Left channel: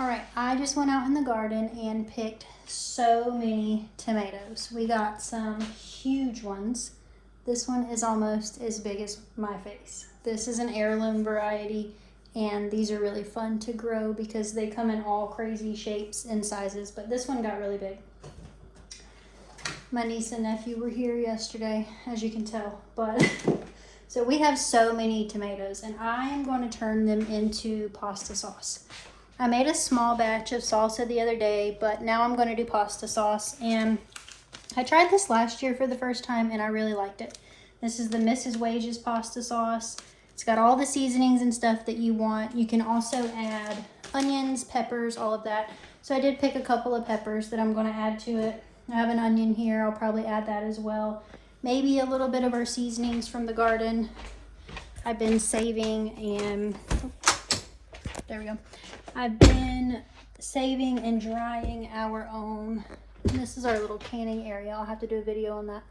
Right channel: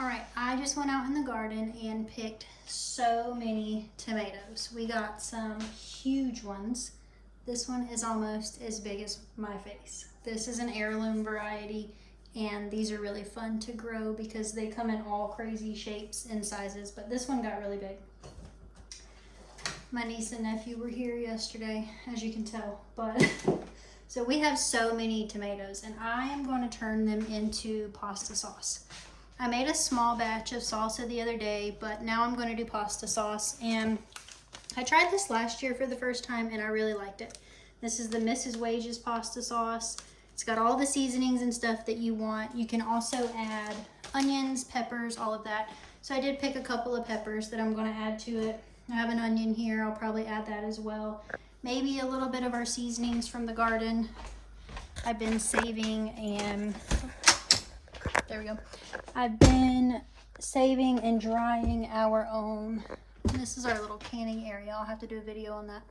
All right, I just went out in the garden and picked so many tomatoes. We got some huge ones. This one is almost as big as my face. This is an heirloom variety, and these are really fun to grow because they come in all crazy shapes and sizes, but this one got really big. My niece and nephew were here yesterday, as you can tell, but so we have so many tomatoes, and I am going to turn them into pasta sauce. I made a small batch of salsa the other day, but now I'm going to do pasta sauce, and I tried this last year for the first time and I really liked it. This is the Mrs. Wages pasta sauce. It's got all the seasonings and stuff that you want. You can also add onions, peppers, all of that. So I did pick a couple of peppers that I'm going to add to it. I have an onion here. I'll probably add that as well. Maybe a little bit of our seasonings from the garden. I've been saving and there we go. I've been saving and drying our own, this is our little canning area. I'll have to do a video on that,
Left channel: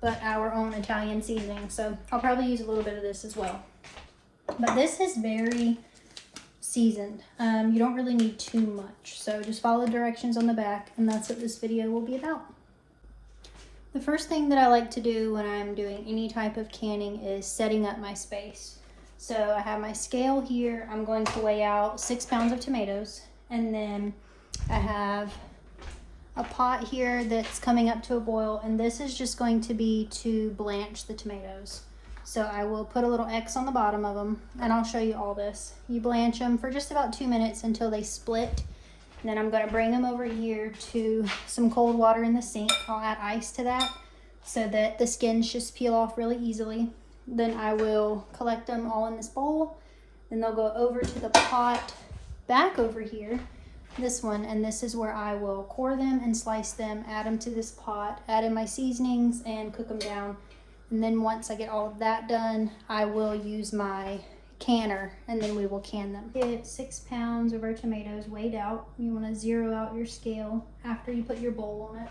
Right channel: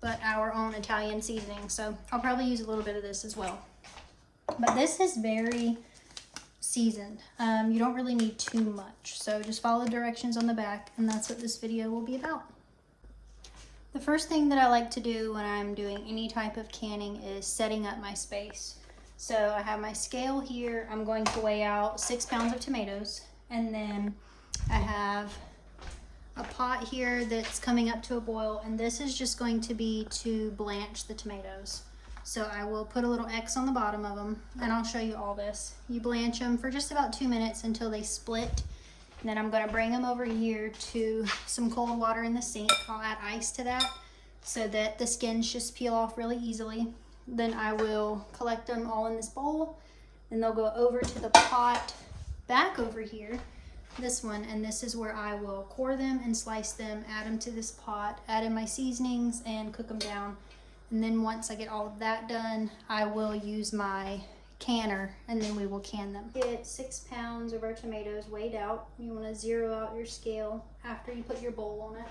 but our own Italian seasoning. So I'll probably use a little bit of this as well. But this is very seasoned. You don't really need too much. So just follow the directions on the back, and that's what this video will be about. The first thing that I like to do when I'm doing any type of canning is setting up my space. So I have my scale here. I'm going to weigh out 6 pounds of tomatoes. And then I have a pot here that's coming up to a boil. And this is just going to be to blanch the tomatoes. So I will put a little X on the bottom of them. And I'll show you all this. You blanch them for just about 2 minutes until they split. And then I'm going to bring them over here to some cold water in the sink. I'll add ice to that so that the skins just peel off really easily. Then I will collect them all in this bowl. Then they'll go over to the pot back over here, this one, and this is where I will core them and slice them, add them to this pot, add in my seasonings, and cook them down. And then once I get all of that done, I will use my canner, and then we will can them. Get 6 pounds of our tomatoes weighed out. You want to zero out your scale after you put your bowl on it.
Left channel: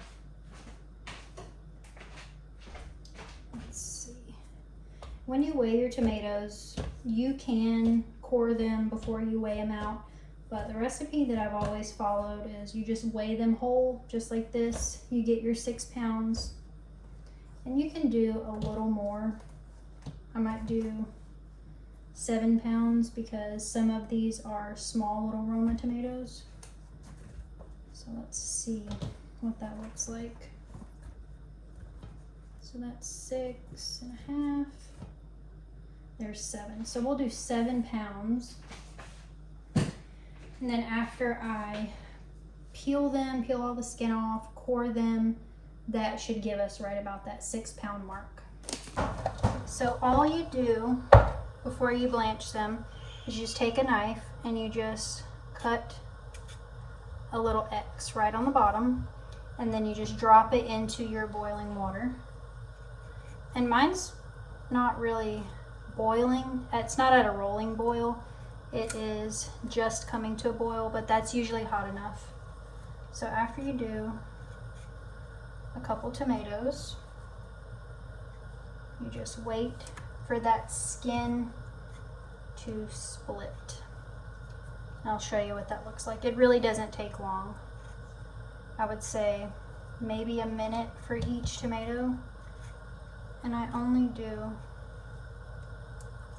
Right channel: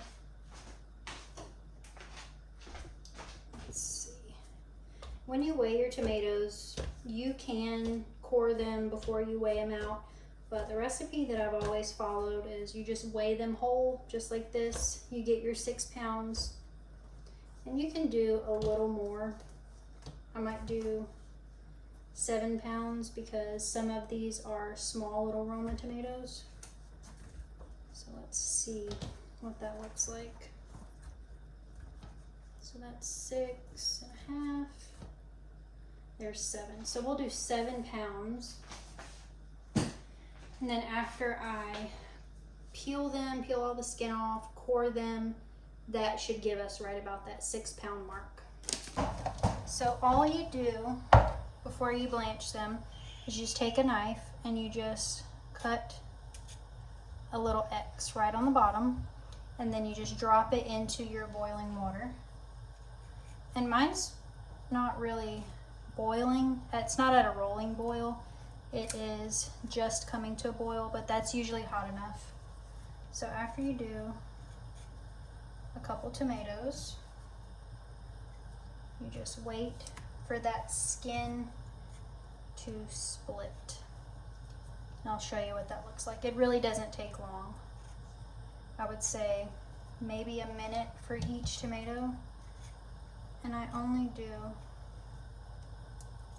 When you weigh your tomatoes, you can core them before you weigh them out, but the recipe that I've always followed is you just weigh them whole, just like this. You get your 6 pounds, and you can do a little more. I might do 7 pounds because some of these are small little Roma tomatoes. So let's see what that looks like. So that's 6.5. There's 7. So we'll do 7 pounds. And then after I peel them, peel all the skin off, core them, that should give us right about that 6 pound mark. So all you do before you blanch them is you just take a knife and you just cut a little X right on the bottom, and then you just drop it into your boiling water. And mine's not really boiling. It's not at a rolling boil. It is just coming to a boil, but that's usually hot enough. So after you do a couple tomatoes, you just wait for that skin to split. I'll show you what that looks like. It really doesn't take long. I would say maybe a minute for each tomato, and I only do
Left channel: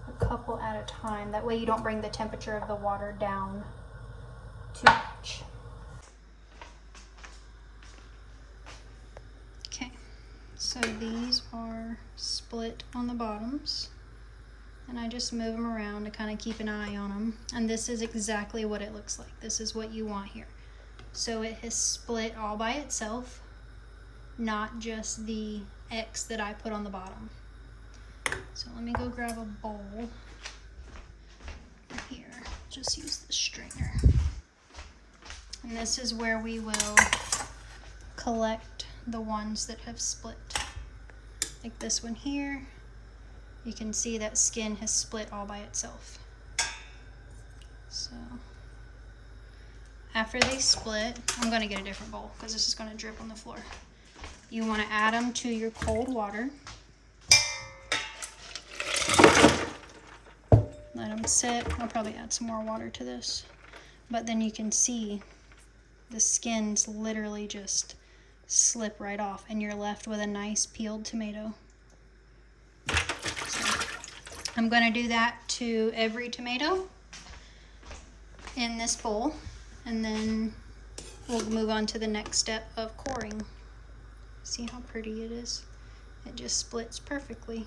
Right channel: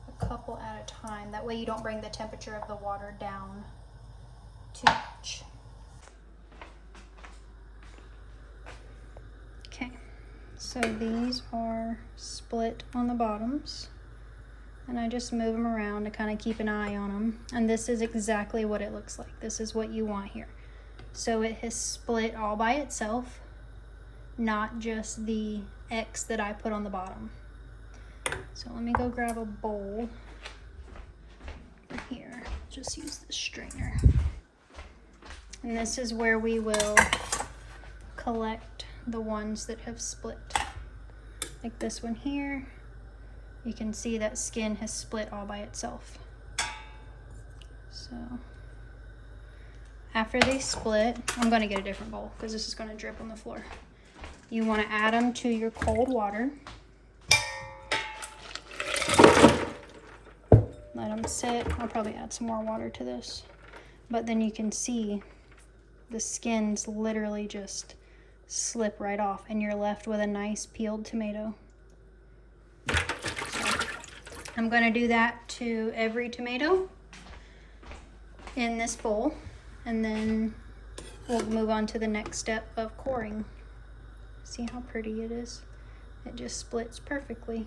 a couple at a time. That way you don't bring the temperature of the water down too much. Okay, so these are split on the bottoms, and I just move them around to kind of keep an eye on them. And this is exactly what it looks like. This is what you want here. So it has split all by itself, not just the X that I put on the bottom. So let me go grab a bowl here. Just use the strainer. And this is where we will collect the ones that have split. Like this one here. You can see that skin has split all by itself. So after they split, I'm going to get a different bowl because this is going to drip on the floor. You want to add them to your cold water. Let them sit. I'll probably add some more water to this. but then you can see the skins literally just slip right off and you're left with a nice peeled tomato. So I'm going to do that to every tomato in this bowl, and then we'll move on to the next step of coring. See how pretty it is? It just splits perfectly.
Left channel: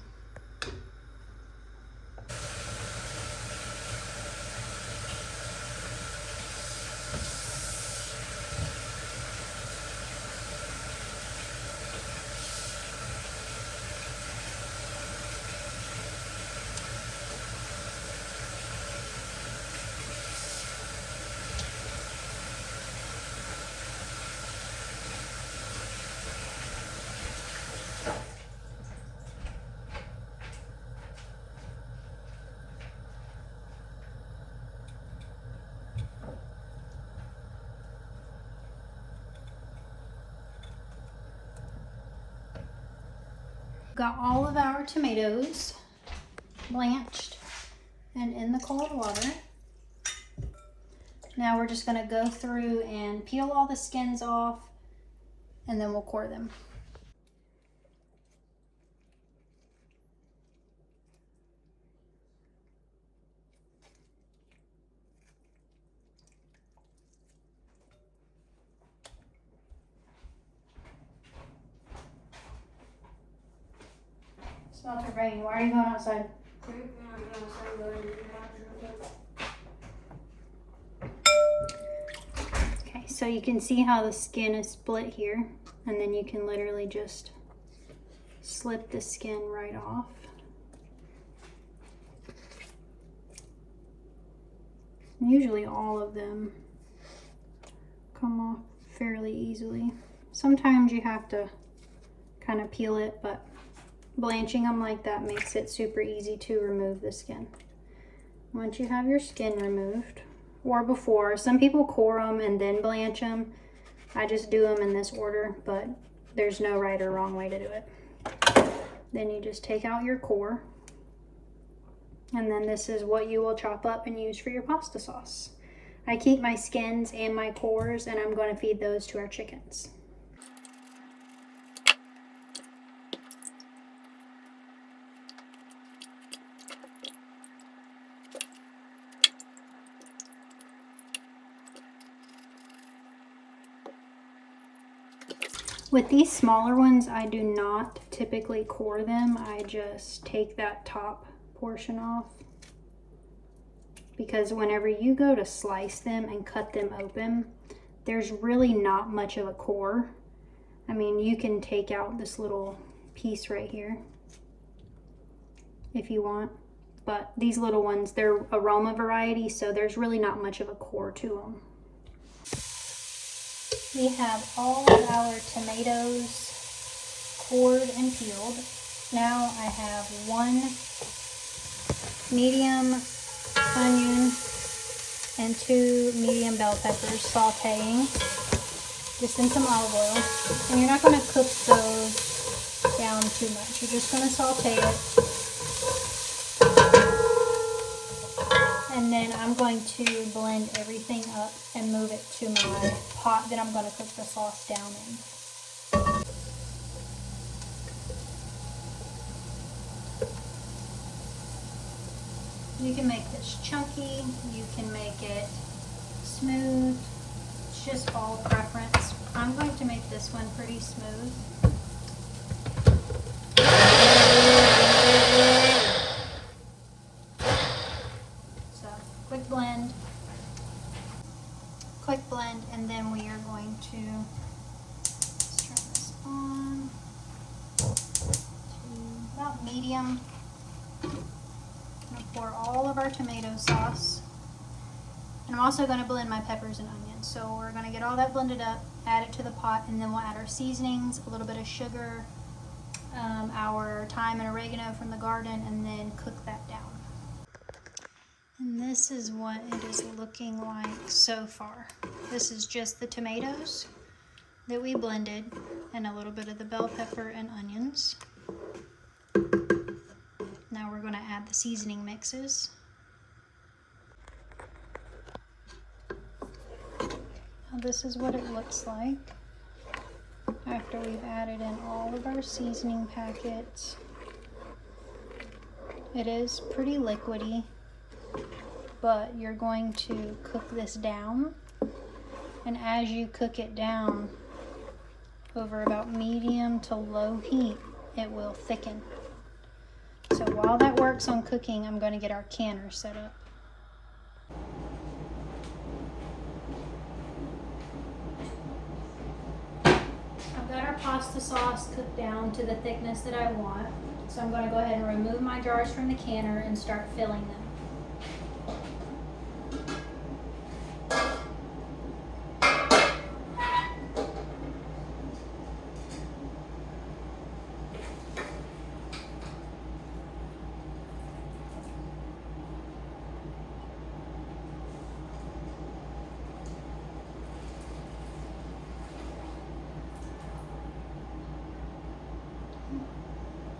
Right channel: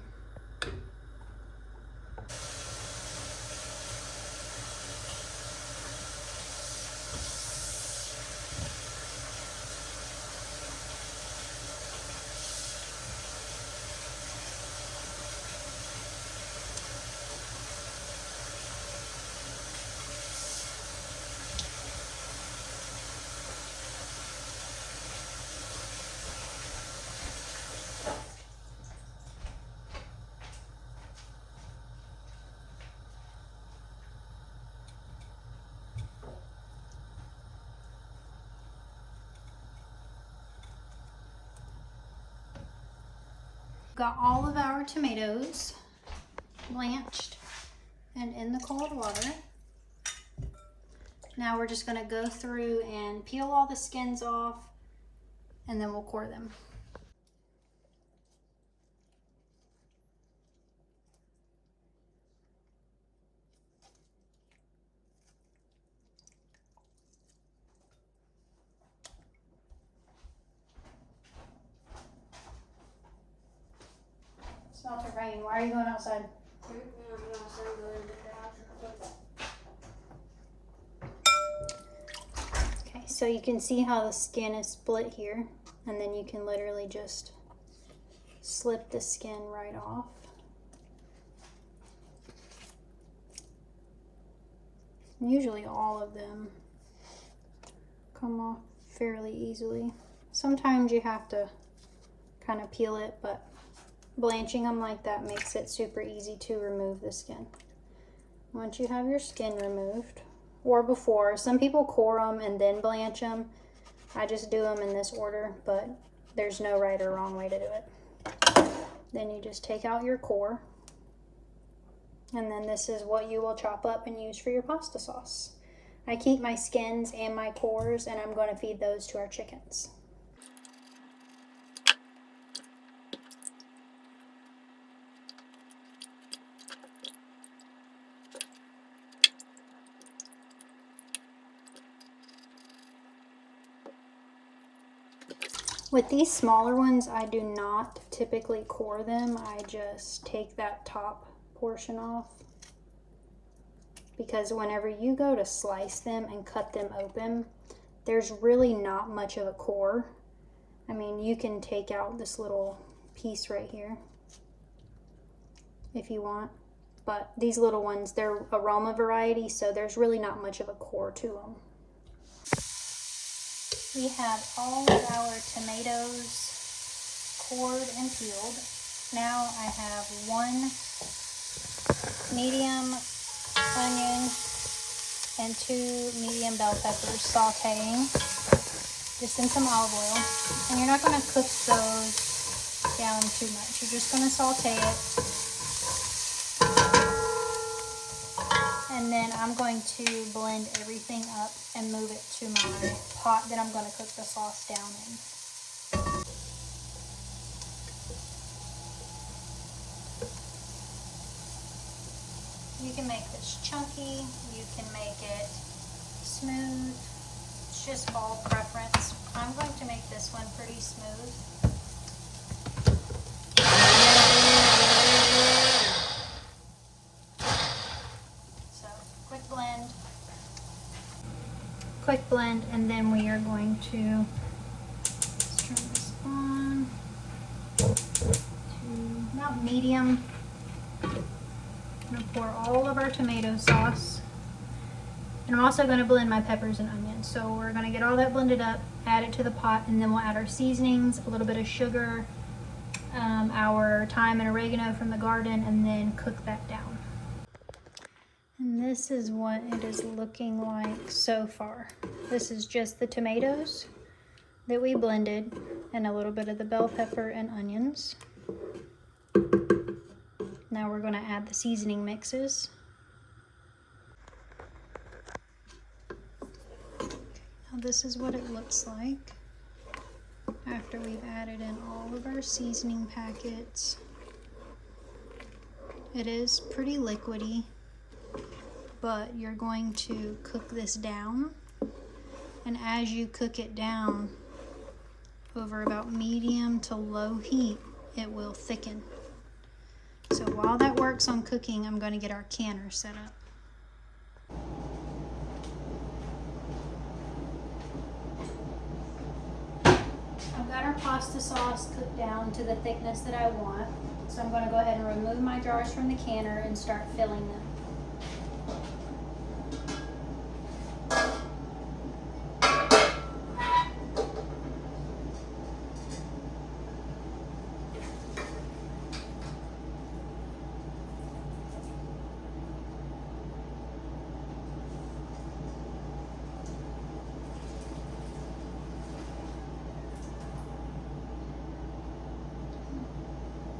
Got all of our tomatoes blanched and in the cold water. Now we're just going to go through and peel all the skins off, and then we'll core them. It's not to rain. Why are you going outside? Okay, so you can see how the skin is split here, and then you can literally just slip the skin right off. Usually all of them come off fairly easily. Sometimes you have to kind of peel it, but blanching them like that makes it super easy to remove the skin. Once you have your skin removed, or before, some people core them and then blanch them. I just do them in this order, but there's no right or wrong way to do it. Then you just take out your core, and then this is what you will chop up and use for your pasta sauce. I keep my skins and my cores, and I'm going to feed those to our chickens. With these smaller ones, I do not typically core them. I just take that top portion off, because whenever you go to slice them and cut them open, there's really not much of a core. I mean, you can take out this little piece right here if you want, but these little ones, they're aroma variety, so there's really not much of a core to them. We have all of our tomatoes cored and peeled. Now I have one medium onion and 2 medium bell peppers sauteing just in some olive oil. And you're not going to cook those down too much. You're just going to saute it. And then I'm going to blend everything up and move it to my pot that I'm going to cook the sauce down in. You can make this chunky, you can make it smooth. It's just all preference. I'm going to make this one pretty smooth. So, quick blend, and then we are going to turn this on to about medium. I'm going to pour all of our tomato sauce, and I'm also going to blend my peppers and onions. So we're going to get all that blended up, add it to the pot, and then we'll add our seasonings, a little bit of sugar, our thyme and oregano from the garden, and then cook that down. And this is what it is looking like so far. This is just the tomatoes that we blended and a little bit of the bell pepper and onions. Now we're going to add the seasoning mixes. This is what it looks like after we've added in all of our seasoning packets. It is pretty liquidy, but you're going to cook this down, and as you cook it down over about medium to low heat, it will thicken. So while that works on cooking, I'm going to get our canner set up. I've got our pasta sauce cooked down to the thickness that I want. So I'm going to go ahead and remove my jars from the canner and start filling them.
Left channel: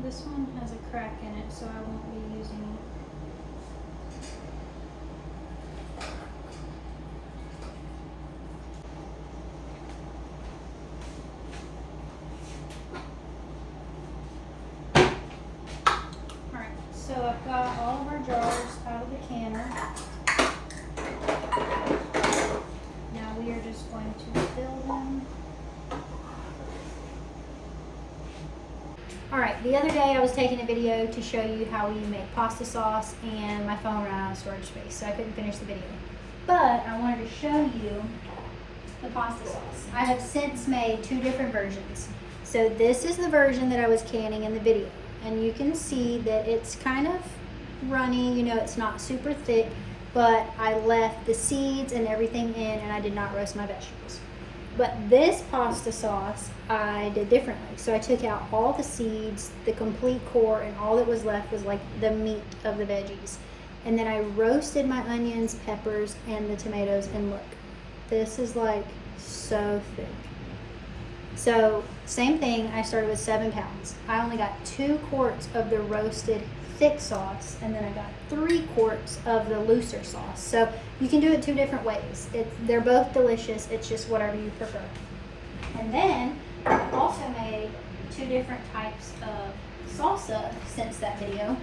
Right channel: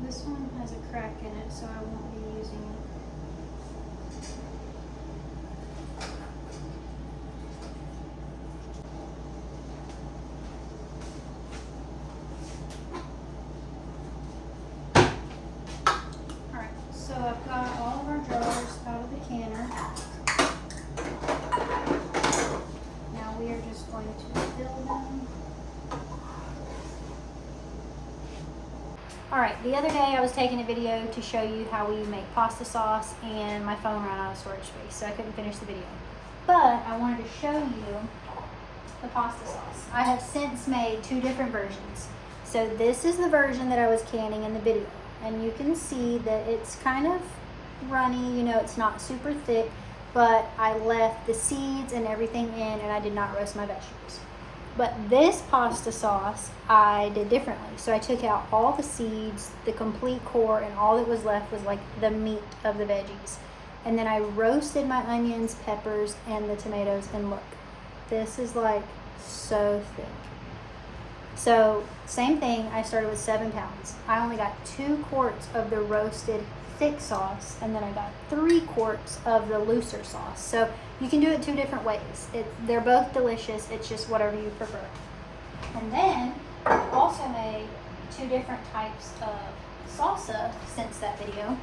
This one has a crack in it, so I won't be using it. Alright, so I've got all of our jars out of the canner. Now we are just going to fill them. Alright, the other day I was taking a video to show you how we make pasta sauce, and my phone ran out of storage space, so I couldn't finish the video. But I wanted to show you the pasta sauce. I have since made 2 different versions. So this is the version that I was canning in the video, and you can see that it's kind of runny, you know, it's not super thick, but I left the seeds and everything in, and I did not roast my vegetables. But this pasta sauce I did differently. So I took out all the seeds, the complete core, and all that was left was like the meat of the veggies. And then I roasted my onions, peppers, and the tomatoes, and look, this is like so thick. So same thing, I started with 7 pounds. I only got 2 quarts of the roasted thick sauce, and then I got 3 quarts of the looser sauce. So you can do it 2 different ways. They're both delicious, it's just whatever you prefer. And then I also made 2 different types of salsa since that video.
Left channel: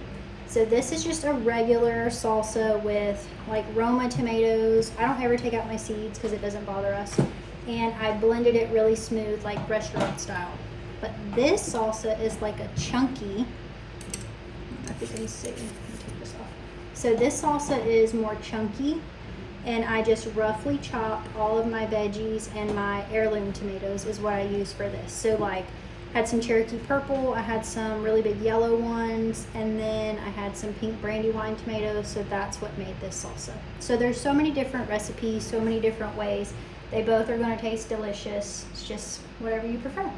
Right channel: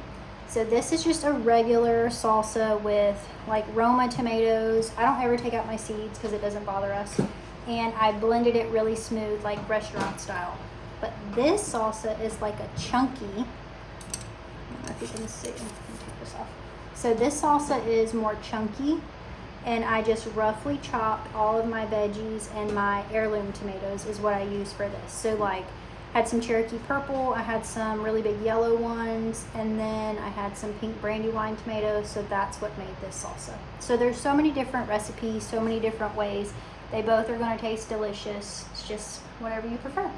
So this is just a regular salsa with like Roma tomatoes. I don't ever take out my seeds because it doesn't bother us. And I blended it really smooth, like restaurant style. But this salsa is like a chunky, I don't know if you can see, let me take this off. So this salsa is more chunky, and I just roughly chopped all of my veggies, and my heirloom tomatoes is what I use for this. So like, I had some Cherokee purple, I had some really big yellow ones, and then I had some pink brandywine tomatoes, so that's what made this salsa. So there's so many different recipes, so many different ways. They both are gonna taste delicious. It's just whatever you prefer.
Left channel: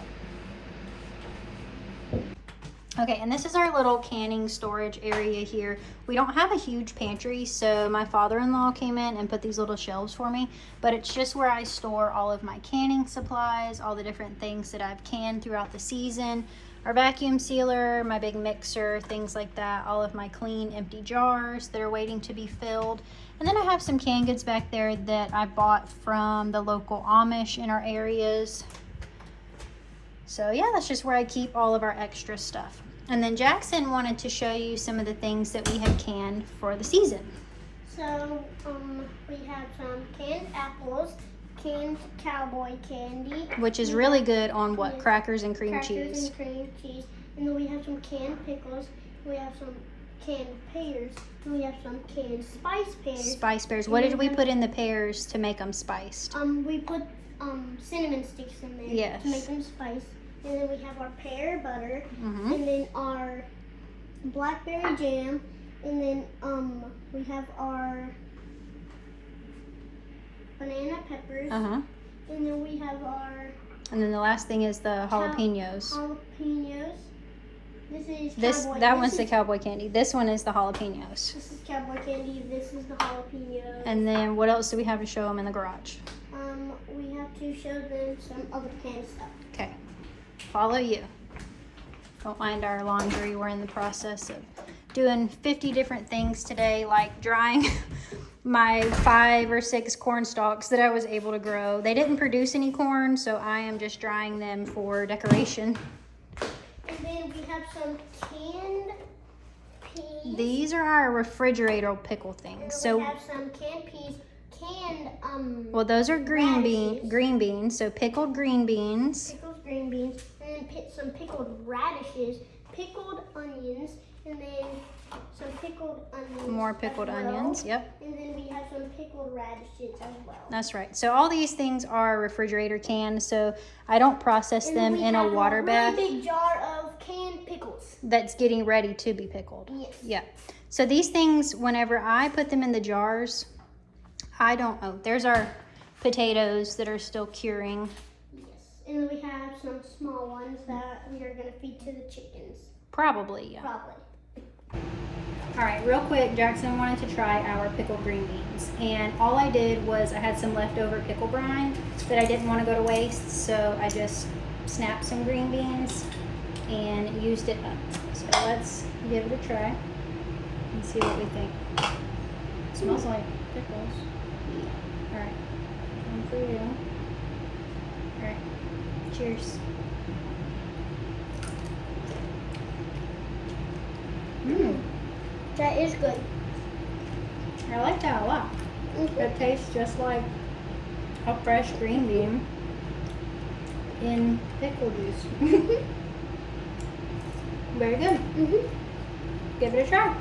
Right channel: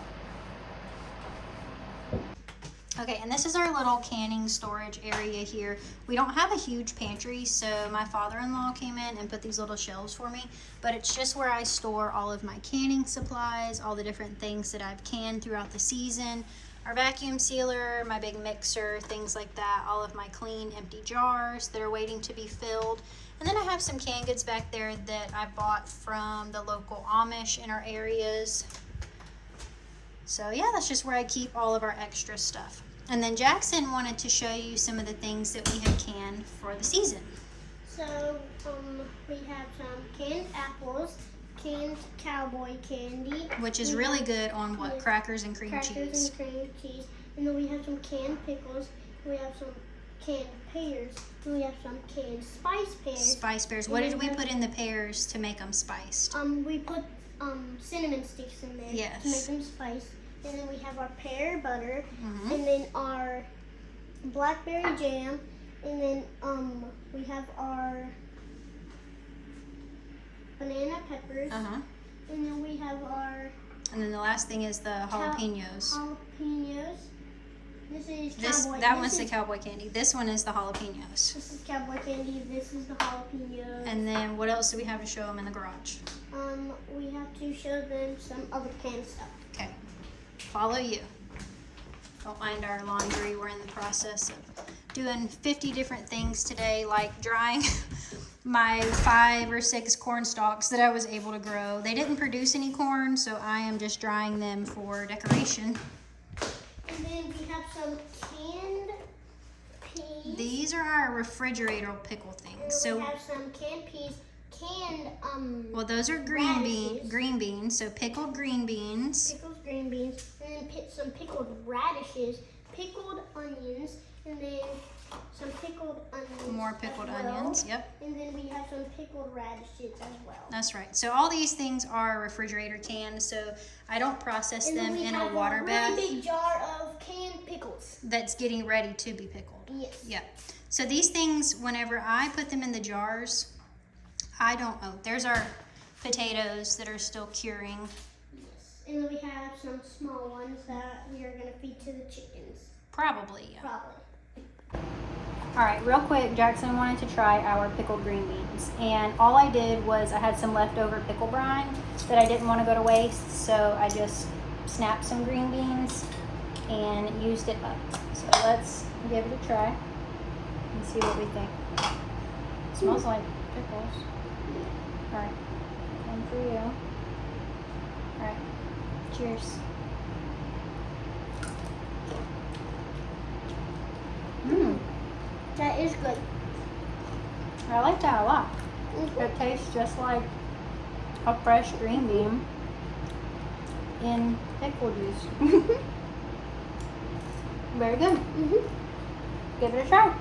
Okay, and this is our little canning storage area here. We don't have a huge pantry, so my father-in-law came in and put these little shelves for me, but it's just where I store all of my canning supplies, all the different things that I've canned throughout the season, our vacuum sealer, my big mixer, things like that, all of my clean empty jars that are waiting to be filled. And then I have some canned goods back there that I bought from the local Amish in our areas. So yeah, that's just where I keep all of our extra stuff. And then Jackson wanted to show you some of the things that we have canned for the season. So we have some canned apples, canned cowboy candy. Which is really good on what? Crackers and cream cheese. Crackers and cream cheese. And then we have some canned pickles. We have some canned pears. And we have some canned spice pears. Spice pears. What did we put in the pears to make them spiced? We put cinnamon sticks in there yes. to make them spiced. And then we have our pear butter, and then our blackberry jam, and then we have our banana peppers, and then we have our... And then the last thing is the jalapenos. Jalapenos. That one's the cowboy candy. This one is the jalapenos. This is cowboy candy. This is the jalapenos. And then what else do we have to show them in the garage? We have to show them some other canned stuff. Okay. Follow you. Don't mind our laundry. We're in the process of doing 50 different things today, like drying my 5 or 6 corn stalks that I was able to grow. They didn't produce any corn, so I am just drying them for decoration. And then we have some canned peas. These are our refrigerator pickle things. So we have some canned peas, well, those are green beans. So pickled green beans. Pickled green beans, and then some pickled radishes, pickled onions, and then some pickled onions. More pickled onions, yep. And then we have some pickled radishes as well. That's right. So all these things are refrigerator canned, so I don't process them in a water bath. Really big jar of canned pickles. That's getting ready to be pickled. Yes. Yeah. So these things, whenever I put them in the jars, I don't, oh, there's our potatoes that are still curing. Yes. And then we have some small ones that we are going to feed to the chickens. Probably, yeah. Probably. All right, real quick, Jackson wanted to try our pickled green beans. And all I did was I had some leftover pickle brine that I didn't want to go to waste. So I just snapped some green beans and used it up. So let's give it a try and see what we think. It smells like pickles. All right, one for you. All right, cheers. Mmm. That is good. I like that a lot. It tastes just like a fresh green bean in pickle juice. Very good. Give it a try.